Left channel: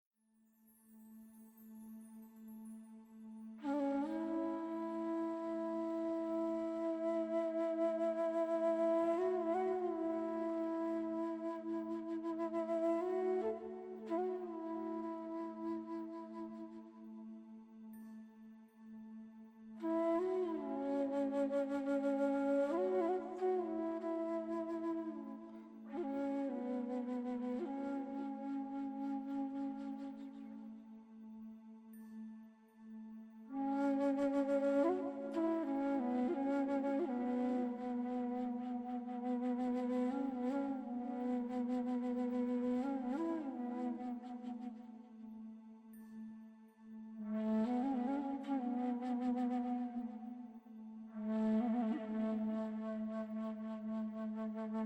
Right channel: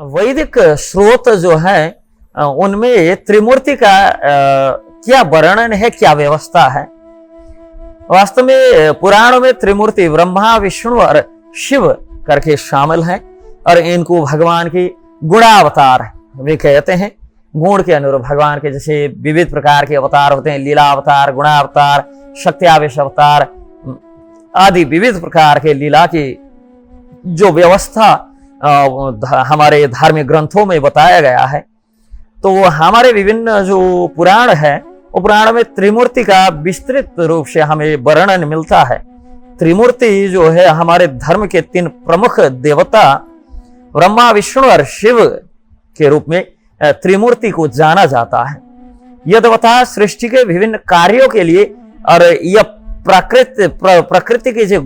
वैदिक स्रोत जो है उनमें त्रिमूर्ति का क्या वर्णन है, क्या व्यवस्था है। वास्तव में पुराणों में त्रिमूर्ति ब्रह्मा, विष्णु और शिव करके शामिल हैं और इनको भगवान की गुणावतार भी कहते हैं। गुण के अनुरूप भगवान के जैसे विविध प्रकार के अवतार होते हैं, लीला अवतार, गुणावतार, शक्त्यावेश अवतार आदि विविध प्रकार के लीला की जो व्यवस्था हमारे धार्मिक ग्रंथों में बताया गया है। तो हमारे विभिन्न जो पुराण है, वो पुराण में त्रिमूर्ति का विस्तृत रूप से हमें वर्णन मिलता है। त्रिमूर्ति जो है हमारे धर्म के तीन प्रमुख देवता ब्रह्मा, विष्णु और शिव के रूप में त्रिमूर्ति को जाना जाता है। यह देवता सृष्टि के विभिन्न कार्यों के लिए और यह प्रकृति के जो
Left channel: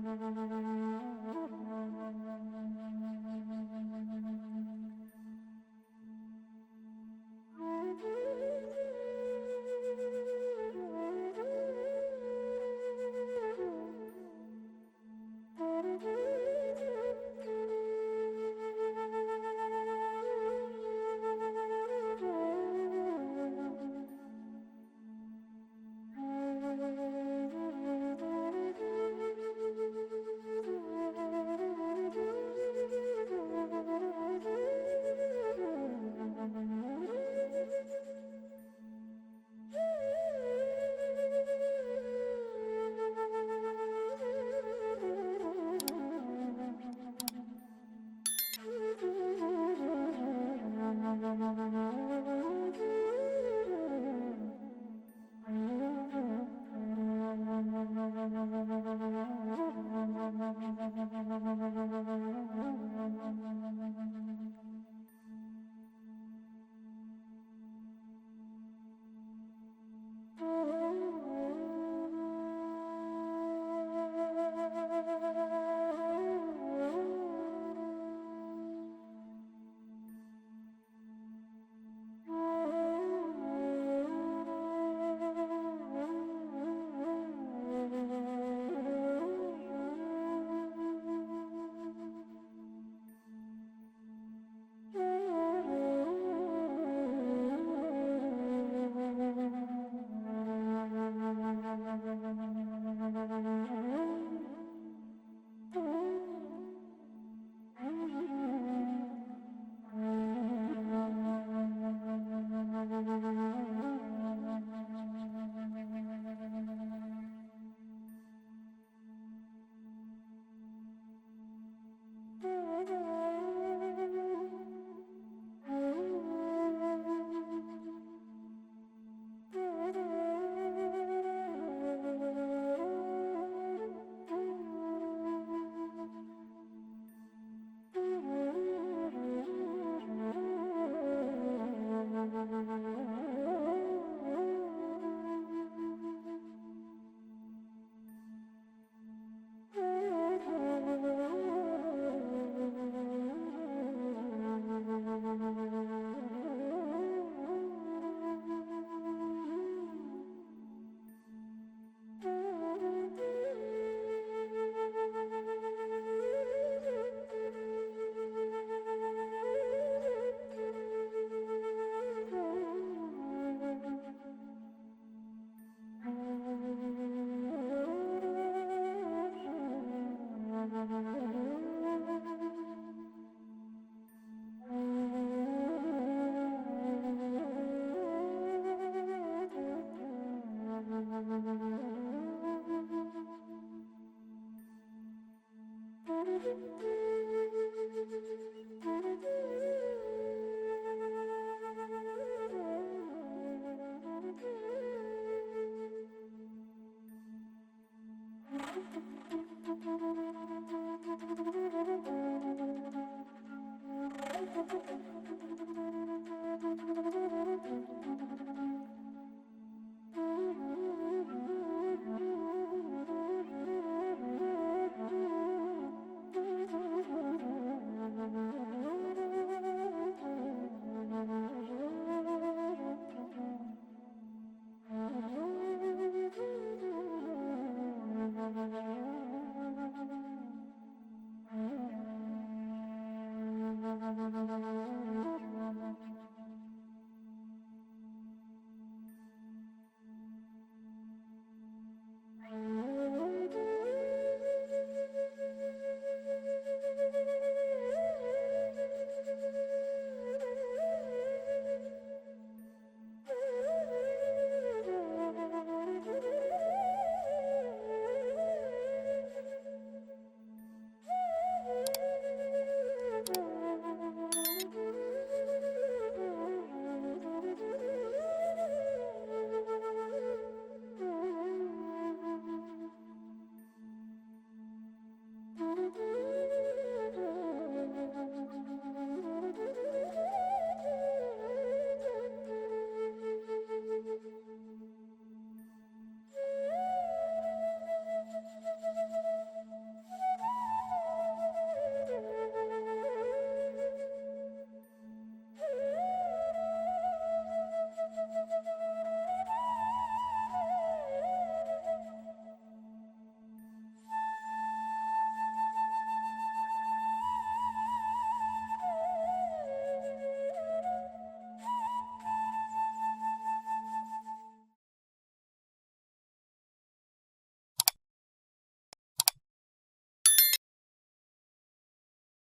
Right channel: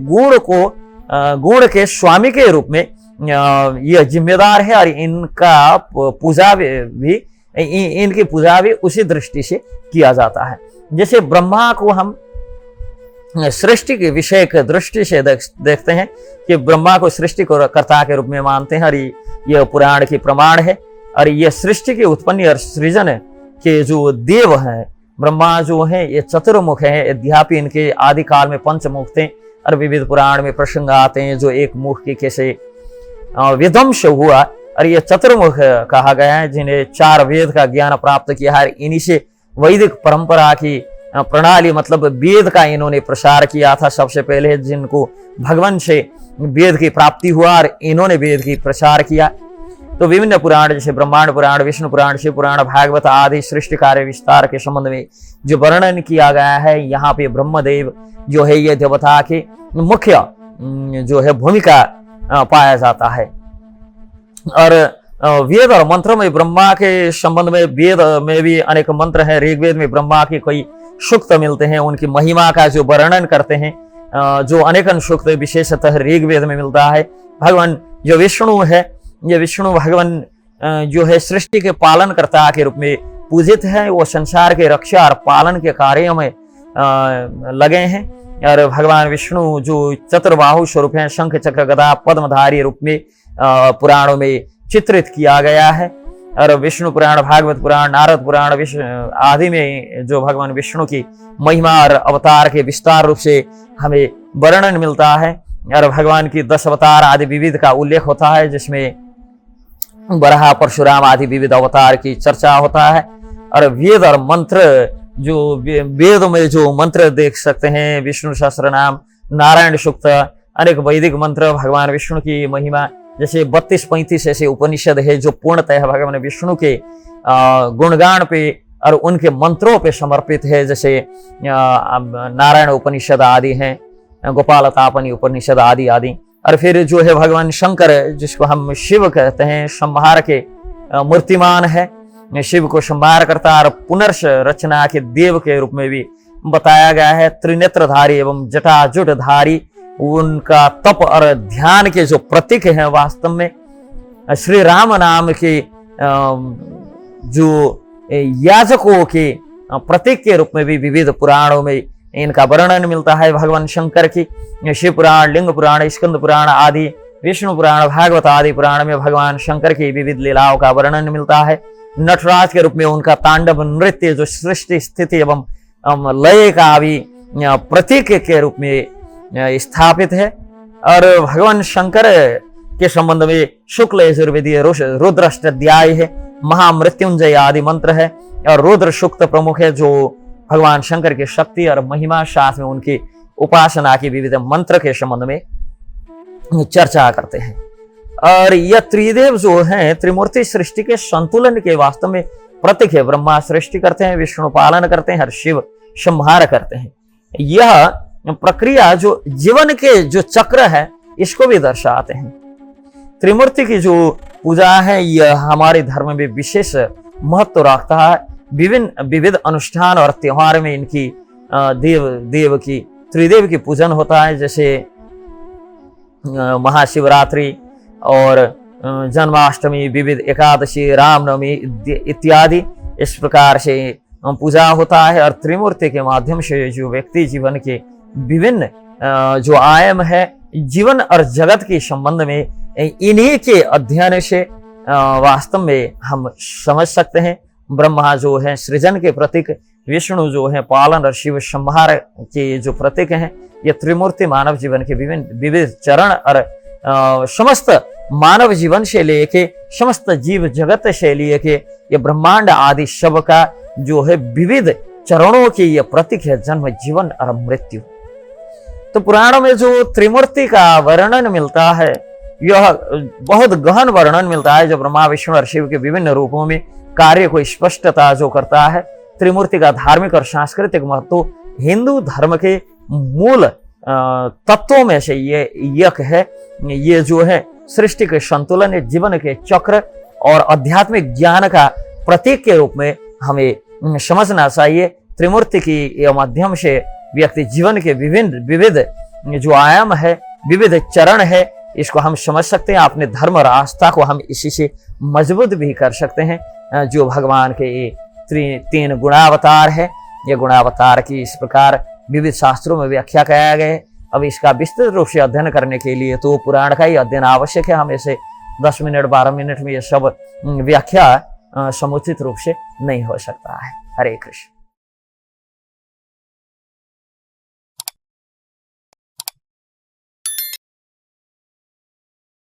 गुण के स्वामी के रूप में यह जिम्मेदार है और इनका पूजा भी इनकी पूजा भी उसी दृष्टि से किया जाता है। जैसे ब्रह्मा को हम सृष्टि के विषय की दृष्टि से देखते हैं कि ब्रह्मा को सृष्टि को कर्ता के रूप में मानते हैं और यह पुराण की प्रमाण है। और यह सृष्टि की उत्पत्ति और सृजन के जो देव हैं, ब्रह्मा जो है ये चतुर्मुख है, यद्यपि इनके आदि काल में पंचमुख थे और विविध पुराण में प्रसंग आते हैं जो एक मुख के कैसे विध्वंस हुआ और ये चतुर्मुख कहा गया है, जिन्हें 4 वेद का ज्ञान प्राप्त किया है। इन्हीं से वैदिक परंपरा की प्रणाली मतलब वेद का इन्होंने प्रसार किया था सबसे पहले, जिनको भगवान से वेद की प्राप्ति हुआ और इन्होंने वेद की प्रसार किया। तो विभिन्न पुराण जैसे ब्रह्मांड पुराण, विष्णु पुराण, शिव पुराण, भागवत आदि सृष्टि कार्य विस्तार के संबंध में जो वर्णन किया गया है, यहाँ पे ब्रह्मदेव जो है ये देवता के मुख्य जो है भूमिका पाया जाता है। और वेद और मंत्रों में ब्रह्मा के संबंध में वेद में भी अनेक मंत्र हैं। ऋग्वेद में ब्रह्मा के कई सूक्त मिलते हैं, उनकी महिमा का जो वर्णन करते हैं, जो अनेकन सूक्त विशेषतः ऋग्वेद में मिलता है। भगवान जो विष्णु है, ये विष्णु भगवान जो है सृष्टि के पालन कर्ता के रूप में पूजित है। वो संसार के रक्षा और पालन के कार्यों में लगे हैं। और भगवान विष्णु जो चतुर्बाहु स्वरूप हैं, शंख चक्र गदा पद्मधारी रूप में पुराणों में चित्रित किया गया है। और विष्णु पुराण, भागवत पुराण, नारद पुराण आदि में जो भगवान विष्णु की महिमा और अवतार के विस्तार रूप से हमें वर्णन मिलता है। और भगवान की 10 अवतार आदि विविध का उल्लेख होता है, जिसमें बराह, परशुराम आदि विविध अवतार की चर्चा होता है। और वेद और मंत्र जो वेद में जो मंत्र देख सकते हैं, विष्णु सहस्त्र नाम, नारायण सूक्त, अनेक वैदिक मंत्र भगवान विष्णु की महिमा, जैसे 32-35 ऐसे उपनिषद है जो पूर्णतः भगवान विष्णु के गुणगान पे और उनके मंत्रों पे समर्पित है। जैसे नारायण उपनिषद आदि हैं, गोपाल तापनी उपनिषद आदि आदि। और फिर जो है भगवान शंकर, जिसको हम शिव कहते हैं, संहार के मूर्तिमान है, शिव को संहार करता और पुनर्ष रचना के देव के रूप में भी बताया गया है। त्रिनेत्रधारी एवं जटाजुटधारी उनका तप और ध्यान के जो प्रतीक हैं, वास्तव में श्री राम नाम के जो याजकों के प्रतीक के रूप में भी विविध पुराणों में इनका वर्णन मिलता है। भगवान शंकर की शिव पुराण, लिंग पुराण, स्कंद पुराण आदि, विष्णु पुराण, भागवत आदि पुराण में भगवान शंकर की विविध लीलाओं का वर्णन मिलता है। नटराज के रूप में उनका तांडव नृत्य जो सृष्टि स्थिति एवं लय का भी प्रतीक के रूप में स्थापित है। और भगवान शंकर के संबंध में शुक्ल यजुर्वेदीय रुद्राष्टाध्याय है, महामृत्युंजय आदि मंत्र है और रुद्र सूक्त प्रमुख है, जो भगवान शंकर की शक्ति और महिमा साथ में उनकी उपासना की विविध मंत्र के संबंध में चर्चा करते हैं। और यह त्रिदेव जो हैं, त्रिमूर्ति सृष्टि के संतुलन के वास्तव में प्रतीक है। ब्रह्मा सृष्टि करते हैं, विष्णु पालन करते हैं और शिव संहार करते हैं। यह प्रक्रिया जो जीवन के जो चक्र है, इसको भी दर्शाते हैं। त्रिमूर्ति की जो पूजा है, यह हमारे धर्म में विशेष महत्व रखता है। विविध अनुष्ठान और त्योहार में इनकी त्रिदेव की पूजन होता है, जैसे महाशिवरात्रि और जन्माष्टमी, विविध एकादशी, रामनवमी इत्यादि। इस प्रकार से पूजा होता है। और त्रिमूर्ति के माध्यम से जो व्यक्ति जीवन के विभिन्न जो आयाम है जीवन और जगत के संबंध में, इन्हीं के अध्ययन से वास्तव में हम समझ सकते हैं। ब्रह्मा जो है सृजन के प्रतीक, विष्णु जो है पालन और शिव संहार के जो प्रतीक हैं, ये त्रिमूर्ति मानव जीवन के विभिन्न विविध चरण और समस्त मानव जीवन से लेके समस्त जीव जगत से लेके ये ब्रह्मांड आदि सब का जो है विविध चरणों की ये प्रतीक है, जन्म, जीवन और मृत्यु। तो पुराणों में जो त्रिमूर्ति का वर्णन मिलता है, यह बहुत गहन वर्णन मिलता है, जो ब्रह्मा विष्णु और शिव के विभिन्न रूपों में कार्य को स्पष्टता जो करता है। त्रिमूर्ति का धार्मिक और सांस्कृतिक महत्व हिंदू धर्म के मूल तत्वों में से ये एक है। ये जो है सृष्टि के संतुलन, जीवन के चक्र और आध्यात्मिक ज्ञान का प्रतीक के रूप में हमें समझना चाहिए। त्रिमूर्ति की माध्यम से व्यक्ति जीवन के विविध जो आयाम है, विविध चरण है, इसको हम समझ सकते हैं। अपने धर्म और आस्था को हम इसी से मजबूत भी कर सकते हैं। जो भगवान के ये 3 गुणावतार है, ये गुणावतार की इस प्रकार विविध शास्त्रों में व्याख्या किया गया है। अब इसका विस्तृत रूप से अध्ययन करने के लिए तो पुराण का ही अध्ययन आवश्यक है। हमें से 10 मिनट 12 मिनट में ये सब व्याख्या समुचित रूप से नहीं हो सकता है। हरे कृष्ण।